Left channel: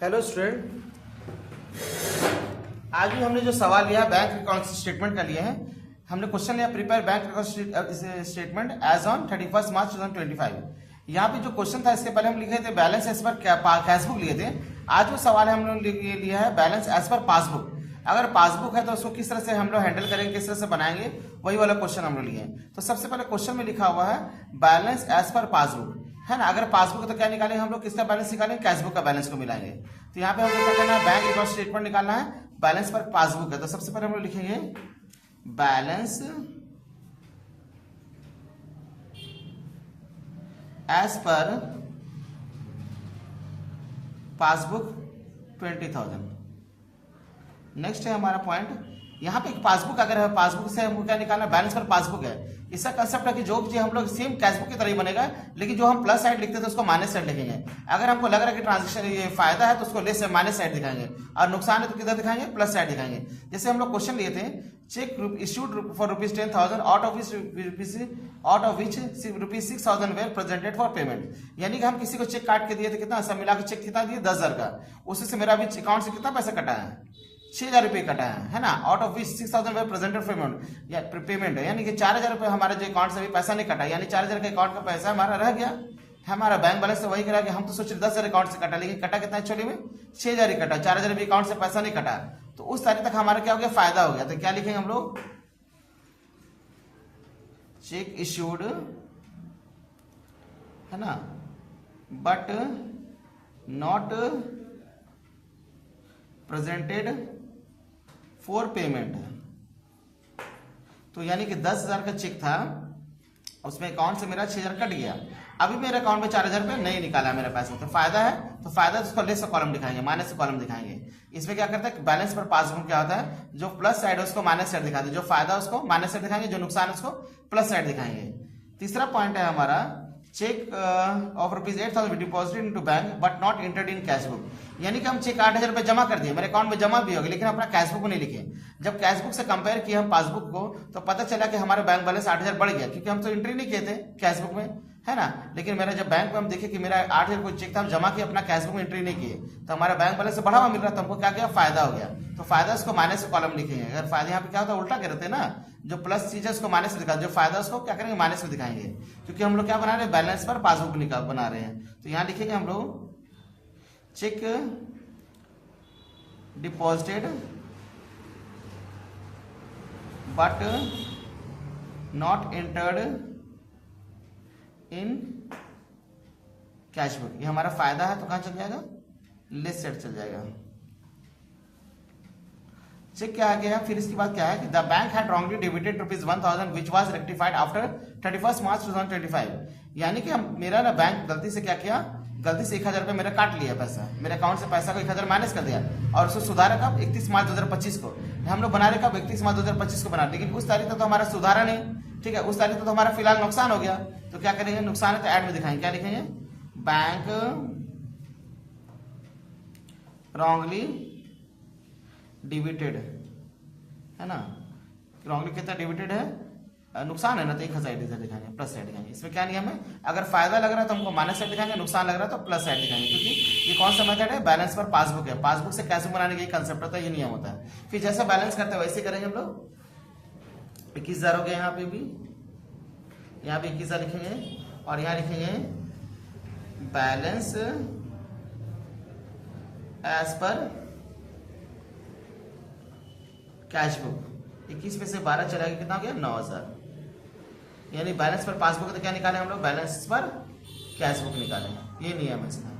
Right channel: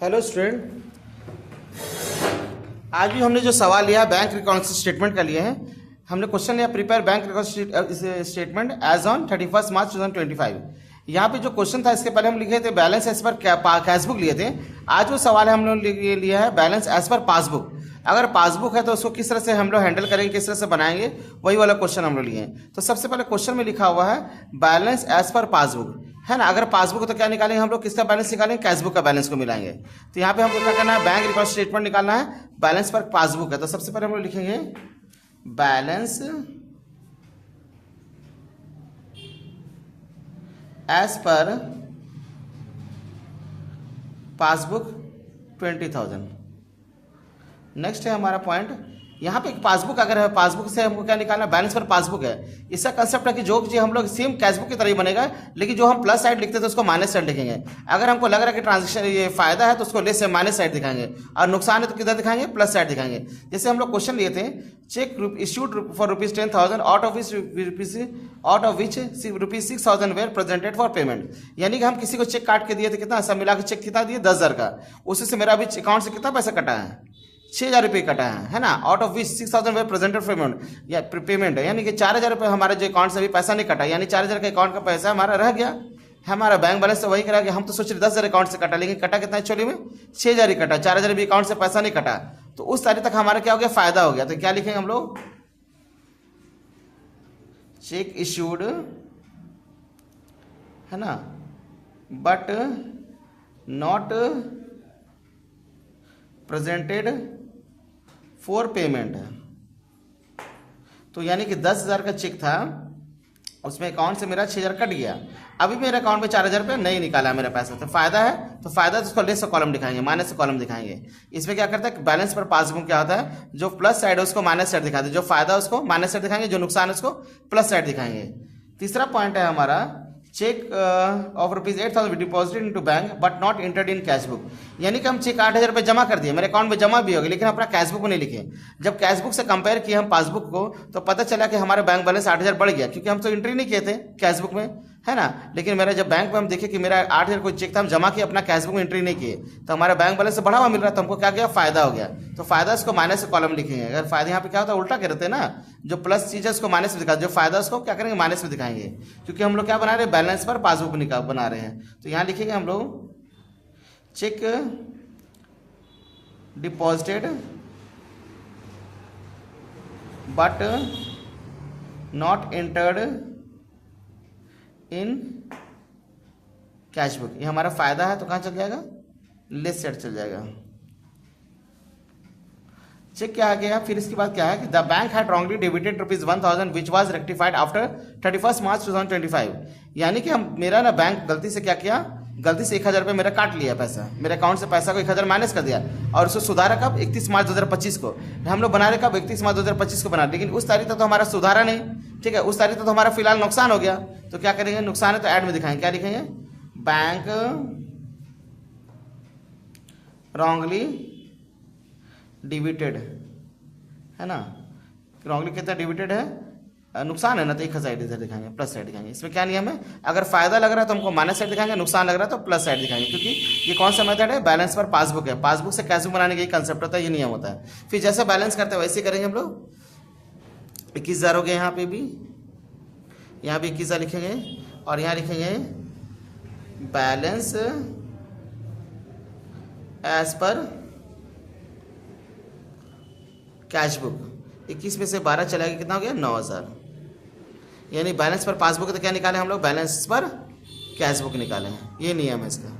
Hello student, आज भी हमने जो सवाल लिया बैंक रिकॉर्ड स्टेटमेंट का लिया है। हमने क्वेश्चन लिया prepare bank record statement as on 31 March 2025। यहाँ पे जो क्वेश्चन था इसके पहले हम लिखे थे बैलेंस एज पर कैशबुक लिए थे। आज वो सवाल है हम लोग लिया है बैलेंस एज पर पासबुक। अगर पासबुक है तो उसको किस तरह से हम लोग हैंडल करेंगे, किस तरह से बनाएंगे, वही वाला क्वेश्चन हम लोग लिए हैं। तो सबसे पहले क्वेश्चन में लिखा हुआ है बैलेंस एज पर पासबुक, है ना। अगर पासबुक तो क्या निकालेंगे हम लोग, किसका बैलेंस निकालेंगे, कैशबुक का बैलेंस को मिलाएंगे। तो यहाँ पे हम लोग क्या करना है, बैंक रिकॉर्ड स्टेटमेंट निकालना है, बैलेंस पर पासबुक है। तो सबसे पहले हम लोग लिखेंगे बैलेंस एज पर पासबुक 20,000। नेक्स्ट है हमारा पॉइंट, यहाँ पे पासबुक अगर है, पासबुक से हमको क्या निकालना, बैलेंस पर पासबुक है। इसका कंसेप्ट है कि जो चीज हम लोग सेम कैशबुक की तरह ही बनेगा, लेकिन जो हम प्लस साइड लिखते थे उसको माइनस साइड लिखेंगे। अगर हमको लग रहा है कि ट्रांजेक्शन ये फायदा है तो उसको लेस से माइनस साइड दिखाएंगे, और नुकसान है तो किधर दिखाएंगे, प्लस साइड दिखाएंगे। जैसे हम लोग क्वेश्चन लिए थे, cheque issued for ₹10,000 out of which ₹6,000 were presented for payment. यानी कि हम किसी को चेक काट के दिए थे, कितना सब मिला के चेक कितना दिए, 10,000 का। उसी से मेरा अभी अकाउंट से कितना पैसा कटा है, 6,000 रुपये कटा है ना। Out of which 6,000 way presented payment है, यानी कि 4,000 रुपये हमारे जो अकाउंट से अभी पैसा नहीं कटा, यानी 4,000 का अकाउंट का पैसा हमारा रह गया। हमारा बैंक बैलेंस से वही करा गया। हम तो सोच रहे 10,000 अकाउंट से कटा, लेकिन कटा कितना एक्चुअली में 6,000 ही कटा, 4,000 भी अकाउंट से पैसा नहीं कटा। तो उस तारीख तक हमारा क्या हो गया, फायदा हो गया। तो क्या लिखेंगे हम लोग, चेक इश्यूड, है ना, but not presented for payment. तो यानी कि 10,000 का चेक था, उसमें अकाउंट से मेरा 6,000 कट गया। अभी मेरे अकाउंट में 4,000 रुपये नहीं निकाला मेरा पैसा। तो फायदा है, तो फायदा तो उसको लेस कॉलम दिखाएंगे, माइनस कॉलम दिखाएंगे। इसमें क्या करता है, बैलेंस पर पासबुक क्या होता है, जो प्लस साइड है उसको माइनस साइड दिखाते हैं, जो फायदा है उसको माइनस साइड दिखाएंगे, जो नुकसान है उसको प्लस साइड दिखाएंगे। तीसरा पॉइंट है हमारा, cheque of ₹8,000 deposited into bank but not entered in cashbook. यानी कि हम चेक 8,000 रुपये जमा कर दिए, मेरे अकाउंट में जमा भी हो गया, लेकिन अपना कैशबुक में नहीं लिखे। जब कैशबुक से कंपेयर किए हम पासबुक को, तो पता चला कि हमारा बैंक बैलेंस 8,000 बढ़ गया, क्योंकि हम तो एंट्री नहीं किए थे कैशबुक में, है ना। लेकिन मेरा जब बैंक में हम देखे कि मेरा 8,000 कोई चेक था, हम जमा किए, अपना कैशबुक में एंट्री नहीं किए, तो हमारा बैंक बैलेंस से बढ़ा हुआ मिल रहा था, हमको क्या किया, फायदा हो गया। तो फायदा उसको माइनस कॉलम लिखेंगे। अगर फायदा यहाँ पे क्या होता है, उल्टा करते हैं ना, जो प्लस चीज है उसको माइनस में दिखाते, जो फायदा उसको क्या करेंगे, माइनस में दिखाएंगे, क्योंकि हम लोग क्या बना रहे हैं, बैलेंस पर पासबुक बना रहे हैं। तो यहाँ लिखेंगे हम लोग check deposited but not entered in cashbook. ये हमारा फायदा है, तो कहाँ चल जाएगा, लेस साइड चल जाएगा। चेक क्या आ गया, फिर इसके बाद क्या है कि the bank had wrongly debited ₹1,000 which was rectified after 31 March 2025। यानी कि हम मेरा ना बैंक गलती से क्या किया, गलती से 1,000 रुपये मेरा काट लिया पैसा, मेरे अकाउंट से पैसा को 1,000 माइनस कर दिया, और उसको सुधारा कब, 31 मार्च 2025 को। हम लोग बना रहे कब, 31 मार्च 2025 को बना, लेकिन उस तारीख तक तो हमारा सुधारा नहीं, ठीक है। उस तारीख तक तो हमारा फिलहाल नुकसान हो गया। तो क्या करेंगे, नुकसान है तो ऐड में दिखाएंगे, क्या लिखेंगे, बैंक रॉन्गली डिबिटेड, है ना। रॉन्गली कितना डिबिटेड है, नुकसान है ना, तो एक साइड इधर दिखाएंगे, प्लस साइड दिखाएंगे। इसमें क्या नियम है, अगर फायदा लग रहा है तो हमको माइनस साइड दिखाएंगे, नुकसान लग रहा है तो प्लस साइड दिखाएंगे, क्योंकि ये कौन सा मेथड है, बैलेंस पर पासबुक है। पासबुक से कैशबुक बनाने का ये कंसेप्ट होता है, ये नियम होता है। फिर जैसे बैलेंस करते हैं वैसे करेंगे हम लोग। 21,000 हो गया, यहाँ पे भी, यहाँ भी 21,000 लिखेंगे, और यहाँ लिखेंगे बैलेंस एज पर कैशबुक। 21 में से 12 चला गया, कितना हो गया, 9,000। यानी बैलेंस पर पासबुक तो क्या निकाले हम लोग, बैलेंस पर कैशबुक निकाले। ये नियम है इसका।